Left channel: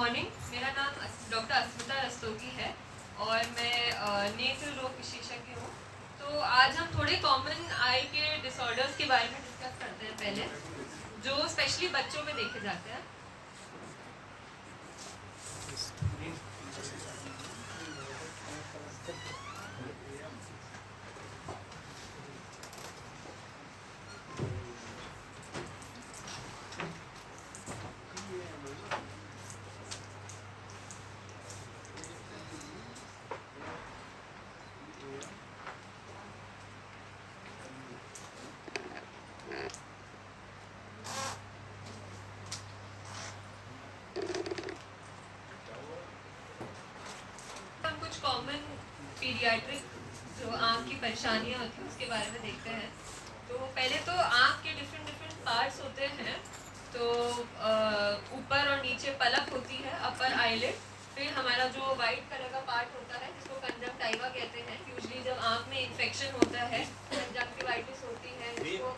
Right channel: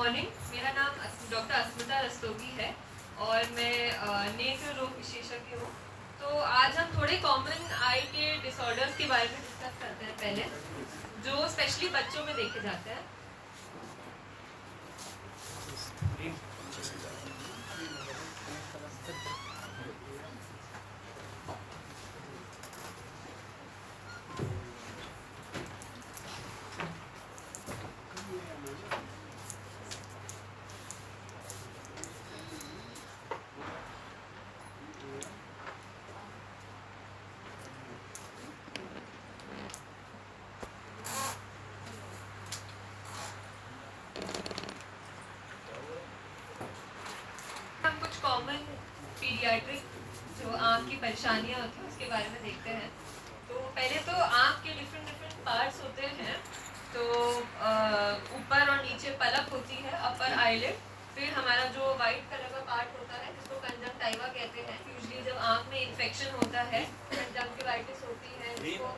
Morning, मेरा नाम doctor अस्मिता रस्तोगी है और मैं नेत्र रोग विशेषज्ञ हूँ। तो आज हम थोड़े कॉमन आई के डिसऑर्डर्स के बारे में डिस्कस करते हैं पहले, जो स्पेशली बच्चों में देखे जाते हैं। हम कुछ कॉमन पीडियाट्रिक जो आँख की परेशानियाँ होती हैं उसके बारे में देखते हैं। तो पहले तो आँख के डिफरेंट पार्ट्स होते हैं। तो ऊपर और नीचे पलक होती है, अपर आईलिड। फिर हमारा जो वाइट कलर का पार्ट होता है जिसको कंजंक्टिवा कहते हैं। यूजुअली जब आँख में इन्फेक्शन होता है, कंजंक्टिवाइटिस होती है, जिसको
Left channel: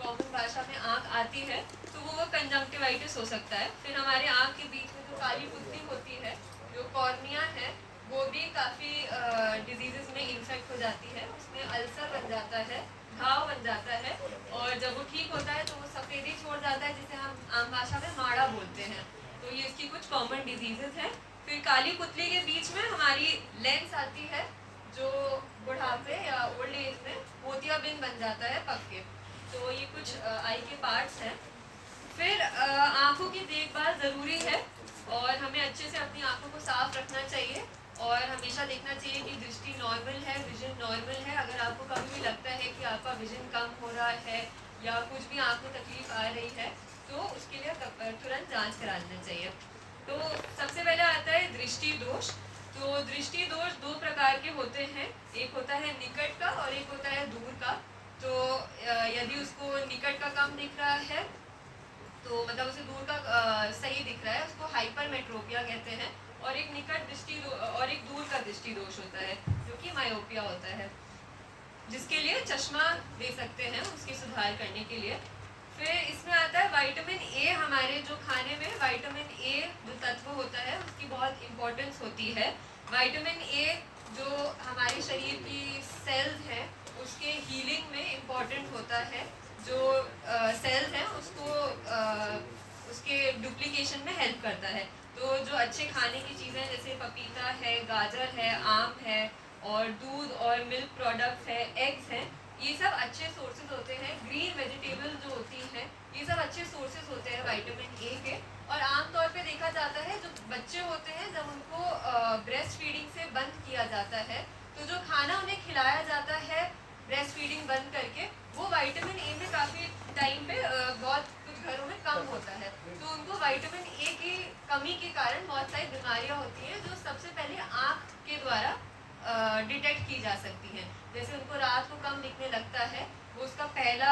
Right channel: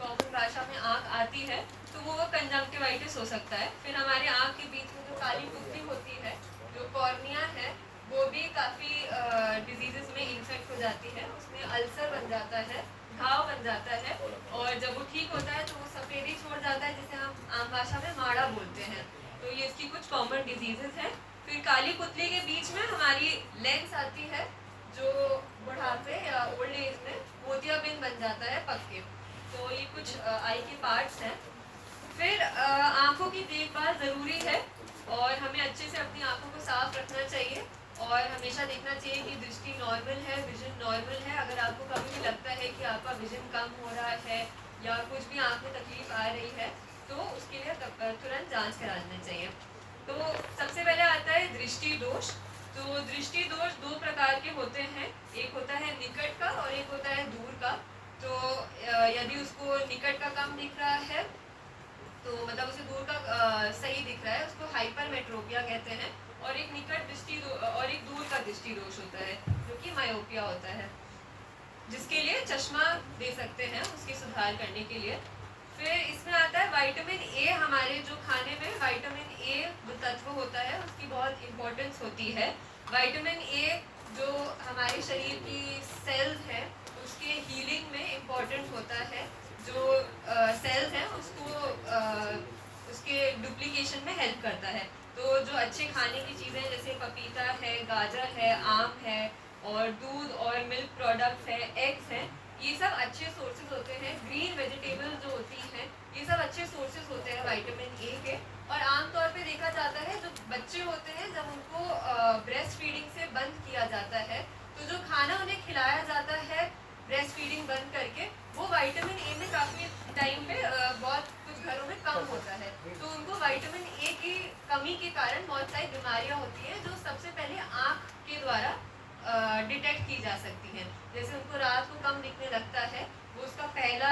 कॉमन भाषा में आँख आती है, तो वो कंजंक्टिवाइटिस हो सकता है। फिर हमारे आँख के बीच में जो काली पुतली होती है, जो कॉर्निया है, वो भी काफ़ी डिजीजेस में इन्फेक्ट हो जाती है। उसमें अल्सर बन जाता है, घाव बन जाता है, और जब वो ठीक होता है तो वो सफ़ेदी छोड़ जाता है, जिसे हम आम भाषा में माड़ा बोलते हैं। तो ये इसकी कुछ कॉमन डिजीजेस हैं। फिर काली पुतली के बीच में हमारी लेंस आती है, जो बुढ़ापे या ओल्ड एज में मोतियाबिंद बन जाता है पक्के। तो ये कुछ आई के पार्ट्स हैं। फिर आँखों की देखभाल ज़रूरी है और हमें अच्छे से अपनी आँखों को साफ रखना चाहिए और हमेशा देखना चाहिए कि दृष्टि नॉर्मल है, विजन नॉर्मल है। अगर आपको कभी भी लगता है कि आपका विजन कम हो रहा है या कुछ भी आँख में तकलीफ आ रही है, तो उसके लिए तुरंत जांच करा लेना चाहिए। तो सबसे पहले आता है दृष्टि दोष। तो दृष्टि दोष दो प्रकार के होते हैं, एक होता है निकट का और एक होता है दूर का। तो यदि उसको निकट का कम दिख रहा है, तो मतलब उसे दूर का सही दिख रहा है, उसको हाइपरमेट्रोपिया कहते हैं। और एक निकट दृष्टि और एक दूर का दृष्टि दोष होता है, जो कि मायोपिया होता है, जिसके लिए चश्मा दे सकते हैं उसके सुधार करने के लिए। फिर इसमें आता है विटामिन ए। हमारे जो खाने में विटामिन ए जो तत्व होता है, उसकी बहुत इम्पोर्टेंस होती है। विटामिन ए जो हमारे शरीर की सेल्स हैं उसके हीलिंग में इम्पोर्टेंट होता है। जो सेल्स हैं उसको उसके डुप्लीकेशन में हेल्प करता है। तो जो अच्छे खाने की चीज़ें जैसे पपीता है, गाजर है, आम है, और दूध और मिल्क प्रोडक्ट्स है, एग्स हैं, ये सब अच्छे सोर्सेज होते हैं। ग्रीन वेजिटेबल जो होती हैं, ये सब अच्छे सोर्सेज होते हैं विटामिन ए के। और आमतौर पे देखा जाता है जो बच्चे होते हैं, जब उनको ब्रेस्ट फीडिंग से बंद किया जाता है, तो जो खाना उन्हें खिलाया जाता है ब्रेस्ट फीडिंग बंद करके, वो विटामिन ए में काफ़ी टाइम पे बहुत कुछ घरों में कम होता है। तो उनको विटामिन ए की कमी के कारण बहुत सारी बीमारियां होती हैं, जो सबसे पहले आँख के द्वारा डिटेक्ट की जा सकती हैं। जैसे उनको रात को कम दिखने लगता है, वो उसका पहला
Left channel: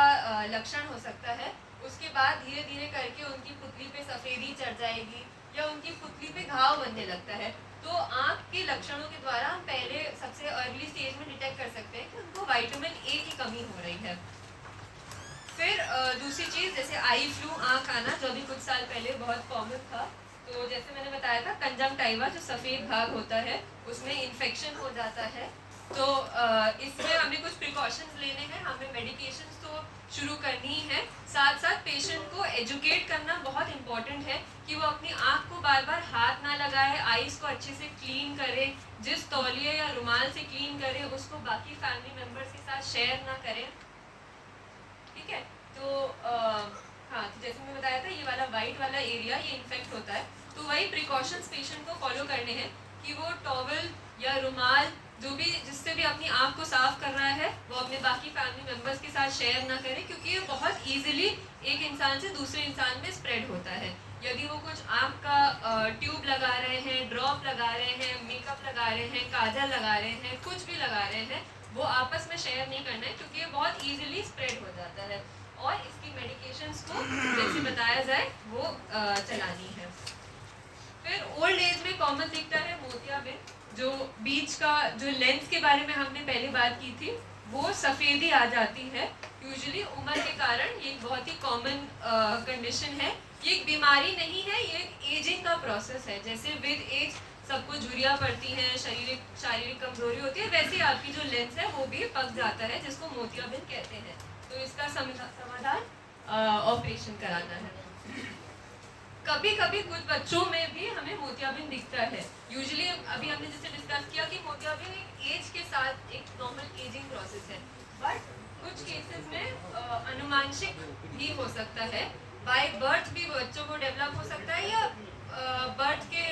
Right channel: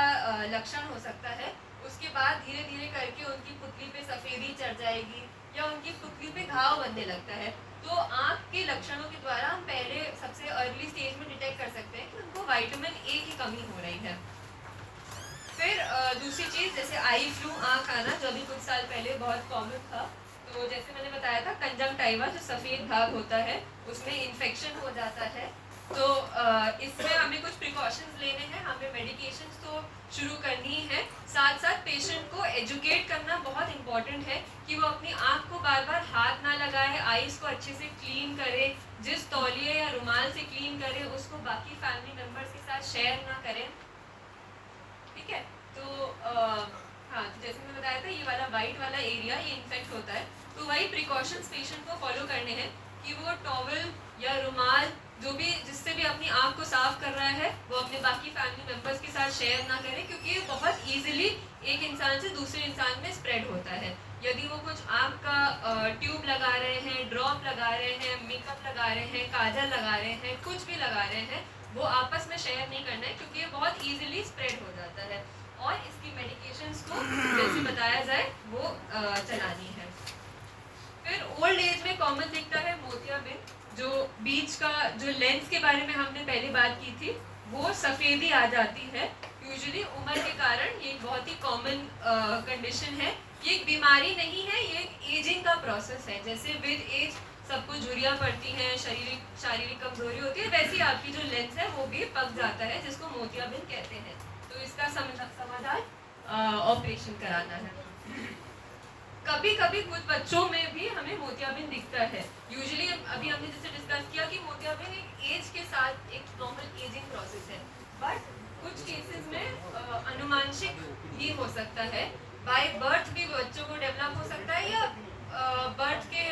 लक्षण हो सकता है। उसके बाद धीरे धीरे करके उनकी पुतली पे सफ़ेदी चढ़ जाएगी या उनकी पुतली पे घाव बनने लगता है। तो आँख के लक्षणों के द्वारा हम पहले सबसे अर्ली स्टेज में डिटेक्ट कर सकते हैं कि उनको विटामिन ए की कमी हो रही है। फिर दूसरी चीज़, जैसे आई फ्लू, आँख आना, जो अभी कुछ साल पहले बहुत कॉमन था। तो जैसे मैंने बताया था, कंजंक्टिवा जो सफ़ेद भाग होता है उसमें इन्फेक्शन हो जाता है। तो इसमें हमें कुछ प्रिकॉशंस लेने हैं, हमें मेडिकेशंस तो शुरू करनी ही है। साथ साथ पेशेंट को एजुकेट करना बहुत इम्पॉर्टेंट है कि वो अपनी आँख को बार बार हाथ ना लगाए, आईज को अच्छे से क्लीन करे, जिस तौलिए या रुमाल से क्लीन करे उसको बाकी फैमिली मेम्बर्स के साथ शेयर ना करें। ठीक है। तो हाँ, तो जैसे मैंने बताया था, ये वाला वाइट वाला एरिया ये इन्फेक्ट होता है। तो वही प्रिकॉशंस पेशेंट को फॉलो करने हैं कि वो टॉवल या रुमाल जो भी जिससे भी अपनी आँख को साफ कर रहा है, वो अपने बाकी फैमिली मेम्बर्स के साथ शेयर ना करें, क्योंकि ये बहुत ईजिली एक इंसान से दूसरे इंसान में स्प्रेड होता है। यदि वो कुछ आँख का ट्यूब लगा रहे हैं, ड्रॉप लगा रहे हैं, मेकअप लगा रहे हैं, काजल लगा रहे हैं, कुछ भी लगा रहे हैं, वो आपस में शेयर नहीं करना है, क्योंकि ये बहुत ईजिली स्प्रेड हो जाता है। और इसकी मेडिकेशंस को जैसे बताया जाए वो चलानी है। फिर ओल्ड एज में कॉमन दिखता है मोतियाबिंद। जो बीच का जो लेंस के बारे में हमने पहले बात की थी, वो सफ़ेदी आ जाती है यूजुअली उम्र के कारण। ये बहुत ही कॉमन कंडीशन है ये एक बीमारी नहीं है, ये एक एजिंग का प्रोसेस है। जैसे विद एज सबको झुर्रियाँ पड़ती हैं, शारीरिक कमजोरी होती है, वैसे आपकी जो लेंस है वो भी पक जाता है, जिसको मोतियाबिंद कहते हैं। तो इसका समाधान ऑपरेशन कराना है। कभी कभी कुछ बच्चों में भी हमें मोतियाबिंद दिखता है। यूजुअली अभी हमने जैसे डिस्कस किया कि मोतियाबिंद एक एज के साथ एक नॉर्मल एजिंग प्रोसेस है, बट कुछ केसेस में अनुमानशिक भी हो सकता है। बाय बर्थ भी बच्चों को डेवलप हो सकता है, या बर्थ के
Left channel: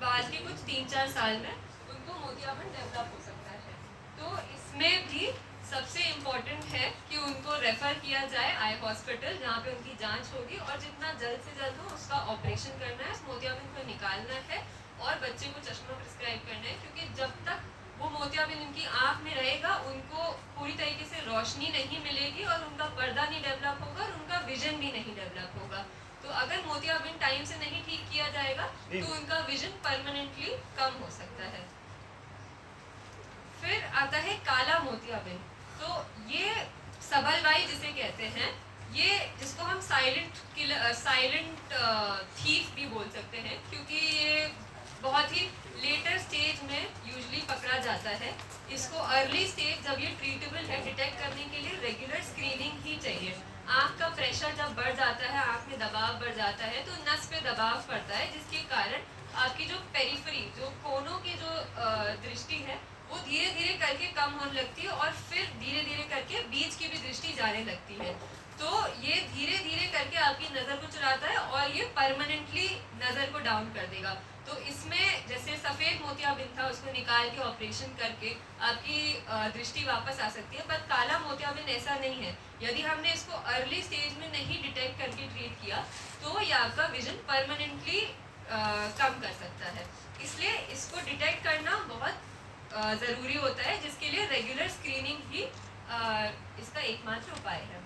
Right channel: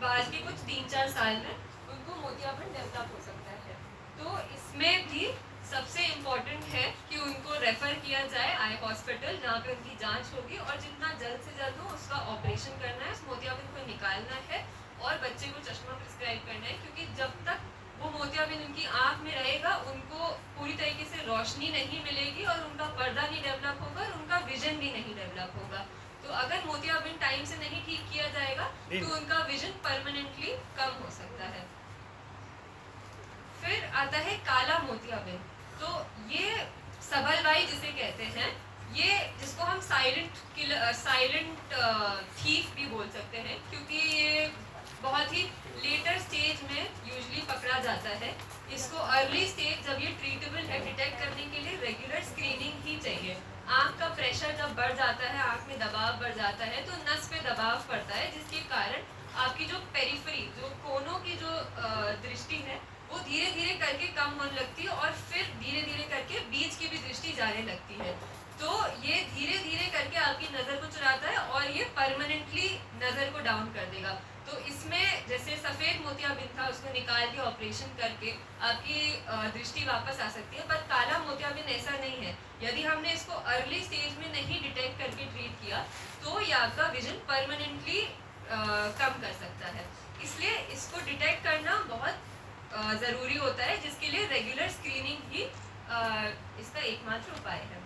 बाद के कुछ 3-4 साल में उनको मोतियाबिंद डेवलप हो सकता है। तो इसमें भी सबसे इम्पोर्टेंट है कि उनको रेफर किया जाए आई हॉस्पिटल, जहाँ पे उनकी जांच होगी और जितना जल्द से जल्द हो उसका ऑपरेशन करना है, उस मोतियाबिंद को निकालना है और बच्चे को चश्मा प्रिस्क्राइब करना है। क्योंकि जब तक वो मोतियाबिंद उनकी आँख में रहेगा, उनको पूरी तरीके से रोशनी नहीं मिलेगी और उनका पर्दा नहीं डेवलप होगा और उनका विजन भी नहीं डेवलप होगा। तो अगर मोतियाबिंद टाइम से नहीं ठीक किया जाएगा तो उनका विजन परमानेंटली कम हो सकता है। फिर आता है काला मोतियाबिंद। तो ये सबलवाई जिसे कहते हैं, ये जिसको हम साइलेंट थीफ भी बोल सकते हैं, क्योंकि ये बहुत ही लेटर स्टेज में यूजुअली पकड़ा जाता है। इसको अर्ली स्टेज जब ये ट्रीटेबल है, डिटेक्ट करने के लिए रेगुलर स्क्रीनिंग ही चाहिए। आँख का प्रेशर जब बढ़ जाता है, आँख में दबाव बढ़ जाता है, तो नस पे दबाव पड़ता है, जिसके कारण आपकी जो पेरिफेरी, जो कोनों की जो दृष्टि है, वो धीरे धीरे करके कम होने लगती है और फिर धीरे धीरे करके बीच की भी दृष्टि जाने लगती है। तो ये धीरे धीरे करके आपकी नज़र को चुराता है और ये परमानेंटली नज़र को डाउन कर देगा। तो इसमें जैसे सफ़ेद मोतियाबिंद था, उसको निकाल के ऑपरेशन करके आपकी दृष्टि वापस आ सकती है, पर काला मोतियाबिंद ऐसा नहीं है। यदि हमने इसको अर्ली स्टेज में नहीं डिटेक्ट करके ट्रीट किया तो ये आपका विजन परमानेंटली कम कर सकता है। इसलिए इसको डिटेक्ट करना बहुत ज़रूरी होता है, जिसके लिए रेगुलर स्क्रीनिंग ही इसका एकमात्र उपाय है।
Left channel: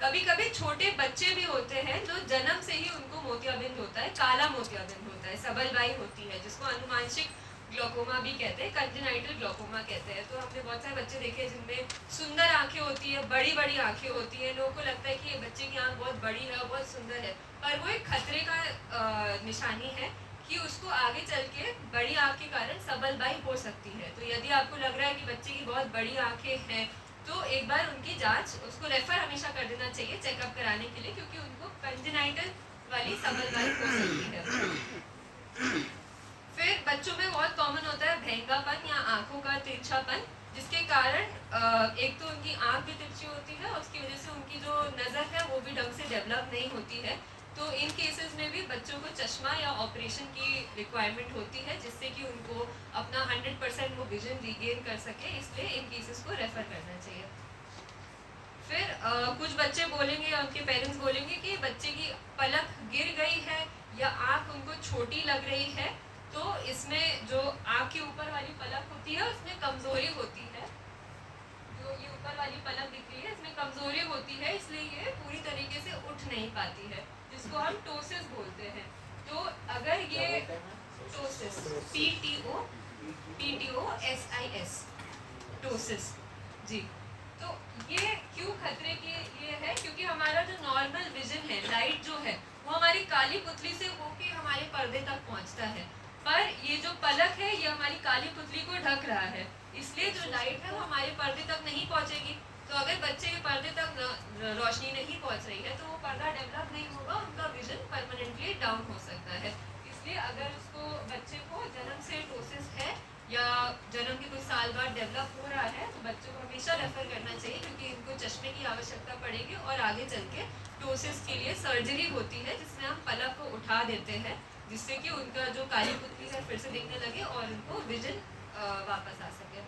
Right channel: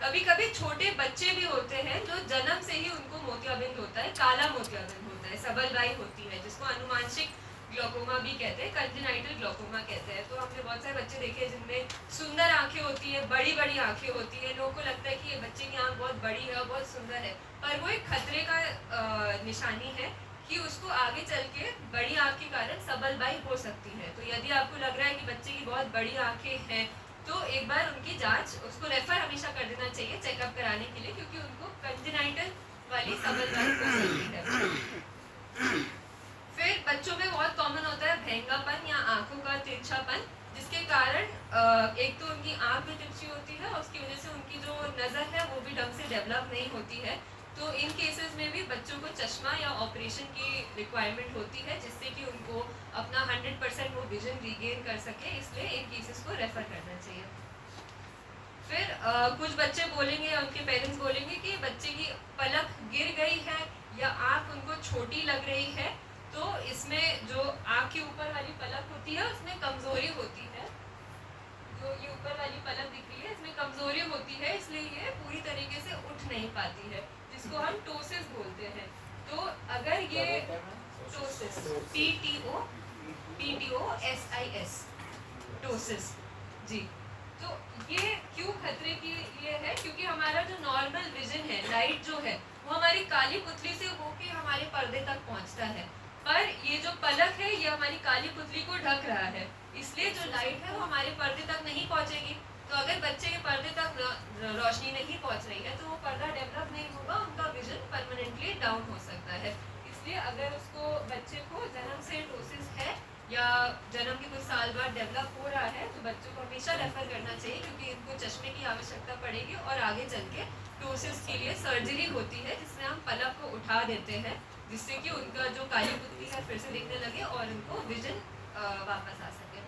कभी कभी छोटे बच्चे भी होते हैं जो जन्म से ही उनको मोतियाबिंद होता है, काला मोतियाबिंद होता है, सबलवाई होती है, जिसको अनुमानशिक ग्लोकोमा भी कहते हैं, कंजेनाइटल ग्लोकोमा कहते हैं। तो हमने बहुत सारे बच्चे देखे हैं जिनमें सुंदर आंखें होती है, बड़ी बड़ी आंखें होती है, लोगों को लगता है कि ये बच्चे की आंख बहुत बड़ी है, बहुत सुंदर है, पर वो एक खतरे का निशानी है कि उसको आगे चल के बड़ी आँख के कारण सबलवाई हो सकती है। तो यदि आपको लग रहा है कि बच्चे की बहुत बड़ी आँखें हैं, तो एक बार उनकी जांच, उसको रेफर हमेशा कर देना चाहिए चेकअप कराने के लिए, क्योंकि उनको कंजेनाइटल वाली सबलवाई हो सकती है। फिर बच्चों में बहुत कॉमन होता है भेंगापन या आँखों का तिरछापन, जिसके कारण एक तो उनकी आँख भी तिरछी होती है और उसकी वजह से उनकी जो नज़र है वो भी ढंग से डेवलप नहीं होती है। तो इन केसेस में भी बच्चों को चश्मा या ऑपरेशन की रिक्वायरमेंट होती है, जिससे कि उनको अपना 100% वो विजन रीगेन कर सके। इसलिए इन केसेस को रेफर करना चाहिए। फिर कुछ बच्चे बोलेंगे या उनके पेरेंट्स बोलेंगे कि बच्चे की पलक गिर गई है या आँख उनको छोटी लग रही है, तो इसमें जो आँख के ऊपर वाली पलक होती है उसमें कमज़ोरी होती है। जो ये ऊपर वाली पलक दिख रही है, इसमें कमज़ोरी होती है, इसलिए ये पूरी तरीके से उठ नहीं पाती है, जिसको हम टोसिस बोलते हैं। तो अगर ये टोसिस, PTOSIS, टोसिस जी, तो ये क्यों खतरे की ये है? क्योंकि हमारा जो नॉर्मल विजन है, लाइट जो है, वो हमारी काली पुतली से होके हमारे पर्दे तक पहुंचता है, पर ये जो पलक है ये हमारी काली पुतली को ढक रहा है, इसलिए जो लाइट है वो हमारे पर्दे तक नहीं पहुंचेगी। तो अगर बच्चे के पर्दे तक रोशनी नहीं पहुंच रही है तो वो पर्दा डेवलप नहीं होगा, उनका विजन परमानेंटली डाउन हो सकता है। इसलिए अगर उसको बच्चे को जन्म से टोसिस है या जन्म के कुछ साल बाद डेवलप हो रहा है, तो बच्चों को हमेशा रेफर करना चाहिए, क्योंकि इनको चश्मे की आवश्यकता पड़ेगी और आगे चल के टोसिस के लिए सर्जरी होती है, जिसमें हम पलक को उठा देते हैं, जिससे कि उनका जो काली पुतली है फिर से दिखने लगे और उनको विजन वापस आ सके।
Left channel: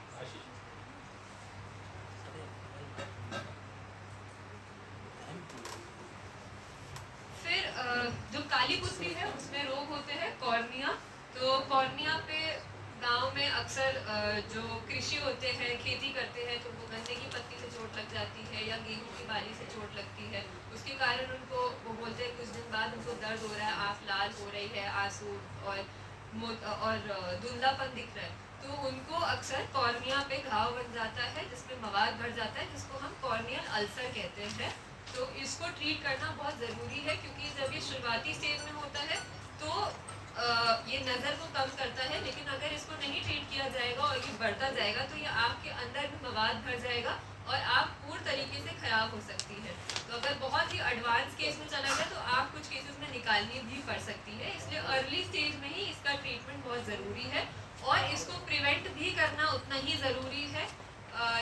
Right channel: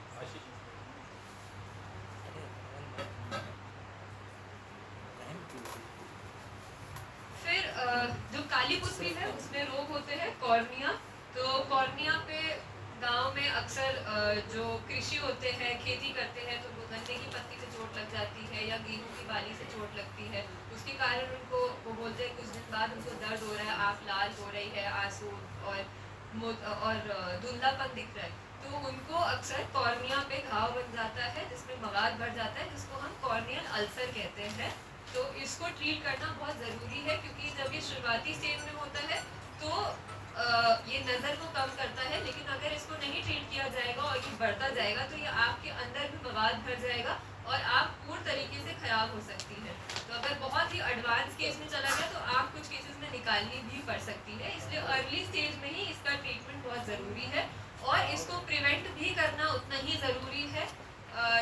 फिर जो काली पुतली है उसमें रोग होते हैं कॉर्निया। तो कॉर्निया पे गांव में अक्सर जो कृषि होते हैं, खेती करते हैं, तो वो गन्ने की पत्ती से चोट लग जाती है या गेहूं की बाली से चोट लगती है, उसके कारण उनको वो बोलते हैं कुछ दिन बाद उनको दर्द हो रहा है, आँख लाल हो रही है, आंसू और धुंधलापन दिख रहा है, तो उनको अक्सर कॉर्निया पे घाव बन जाता है, जिसमें मवाद भर जाता है, जिसको हम कॉर्नियल अल्सर कहते हैं। तो इसको ट्रीट करना बहुत ज़रूरी है, क्योंकि जब ये शुरुआती स्टेज में होता है तो ये नज़र को कम करता है, लेकिन अगर इसको नहीं ट्रीट किया जाएगा और ये बढ़ता जाएगा तो ये आँख के अंदर भी मवाद भर जाएगा और आँख पूर्ण तरीके से ख़राब हो सकती है। तो अगर बहुत ही एडवांस केस में चला गया तो आँख कुछ केसेस में निकालनी भी पड़ सकती है, इसलिए अर्ली स्टेज में ही इसका ट्रीटमेंट बहुत ज़रूरी है और इसको प्रिवेंट भी करना उतना ही ज़रूरी है।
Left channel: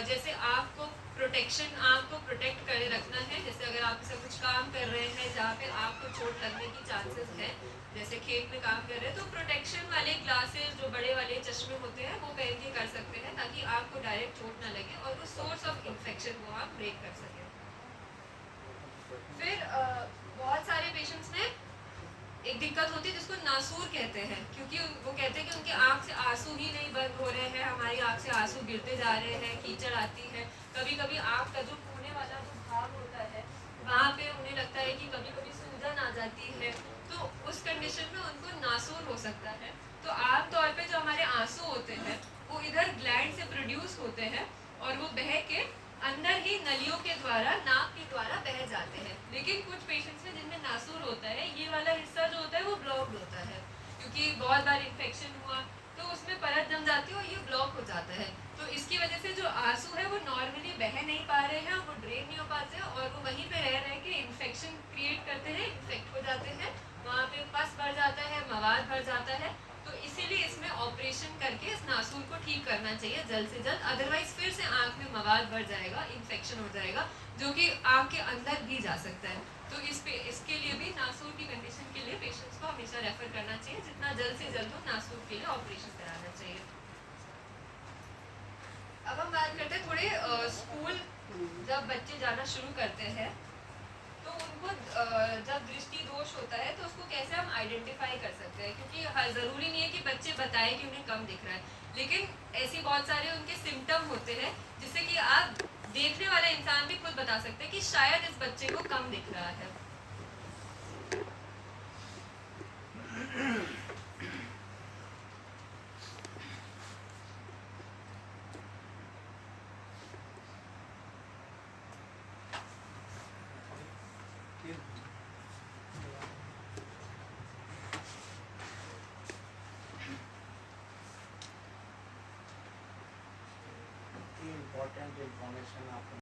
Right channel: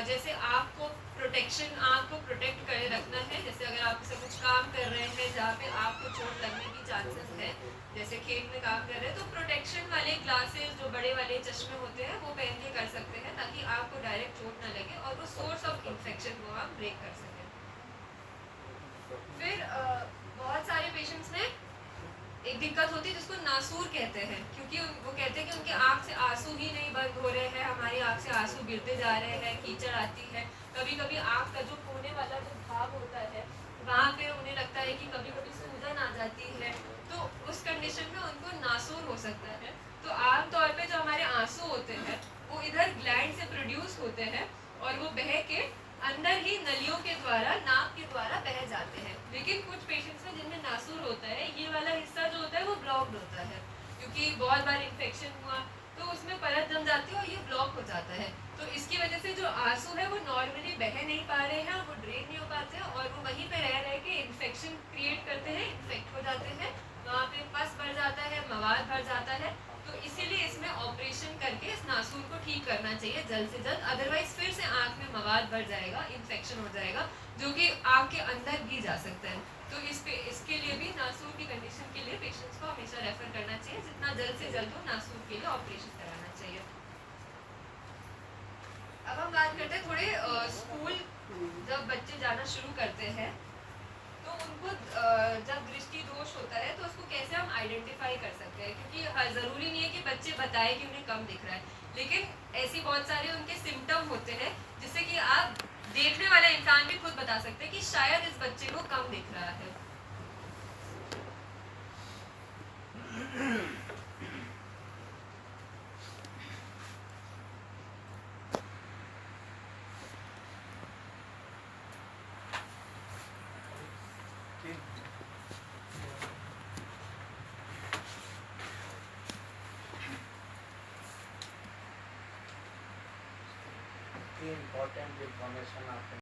जैसे आँख को प्रोटेक्ट करे रखना है, जैसे अगर आप से कुछ काम कर रहे हैं जहाँ पे आँख को चोट लगने की चांसेस है, जैसे खेत में काम कर रहे हैं, तो प्रोटेक्शन वाले ग्लासेस जो बड़े वाले चश्मे होते हैं वो पहन के कर सकते हैं, ताकि आँख को डायरेक्ट चोट ना लगे और वो सोर्स ऑफ इन्फेक्शन को आप ब्रेक कर सकें। फिर बहुत सारे पेशेंट्स में एक दिक्कत होती है जिसको नासूर कहते हैं, क्योंकि वो कहते हैं कि उनके आँख से आंसू ही नहीं बंद हो रहे हैं, हमारी आँख से आंसू गिरते जा रहे हैं, कीचड़ आती है, कभी कभी आँख का जो कोने वाला जो भाग होता है वहाँ पे उन्हें लगता है कि कभी कभी सूजन आ जाती है, तो उस कंडीशन में उनको नासूर हो सकता है। तो आमतौर पे जो हमारे आंसू होते हैं वो इधर ग्लैंड से प्रोड्यूस होते हैं और वो बह के अंदर ही नलियों के द्वारा, नाक के द्वारा बह जाते हैं। लेकिन कुछ पेशेंट्स में जिनमें नासूर होता है, ये वाला हिस्सा जो होता है वो ब्लॉक्ड होता है, क्योंकि बहुत बार इन्फेक्शन हुआ तो उसमें परत जम जाती है और ये ब्लॉक हो जाता है। तो इसकी वजह से जो आंसू है वो नॉर्मली बह नहीं पा रहे हैं, वो ड्रेन नहीं हो पाते हैं और वो वहीं पे रह के इन्फेक्शन क्रिएट करते हैं, इन्फेक्ट हो जाते हैं, वहाँ पे पस बढ़ जाता है, मवाद भर जाता है। तो इसीलिए इसमें ऑपरेशन करके इस नासूर को ठीक करना चाहिए जल्द से जल्द, अदरवाइज फिर से आँख में मवाद बढ़ जाएगा, इन्फेक्शन हो जाएगा, जो कि आँख के अंदर भी जा सकता है। तो इसके लिए भी नासूर की कंडीशन के लिए पेशेंट्स को हमेशा रेफर करना चाहिए, जितना जल्द से जल्द हो नासूर के लिए ऑपरेशन कराना चाहिए। अब हम बात करते हैं थोड़े स्कूल जब बच्चे जाना शुरू करते हैं तो उनको जब दृष्टि दोष होता है तो उसको कैसे हम आइडेंटिफाई कर सकते हैं, क्योंकि ज़रूरी नहीं है कि बच्चे बताएं कि उन्हें कम दिख रहा है, लेकिन ऐसे बहुत सारे उनके सिम्टम होते हैं जिससे कि आप देखने वाला इंसान भी खुद बता सकते हैं कि शायद इस बच्चे को कम दिख रहा है। इम्पोर्टेंट इन्फॉर्मेशन आपको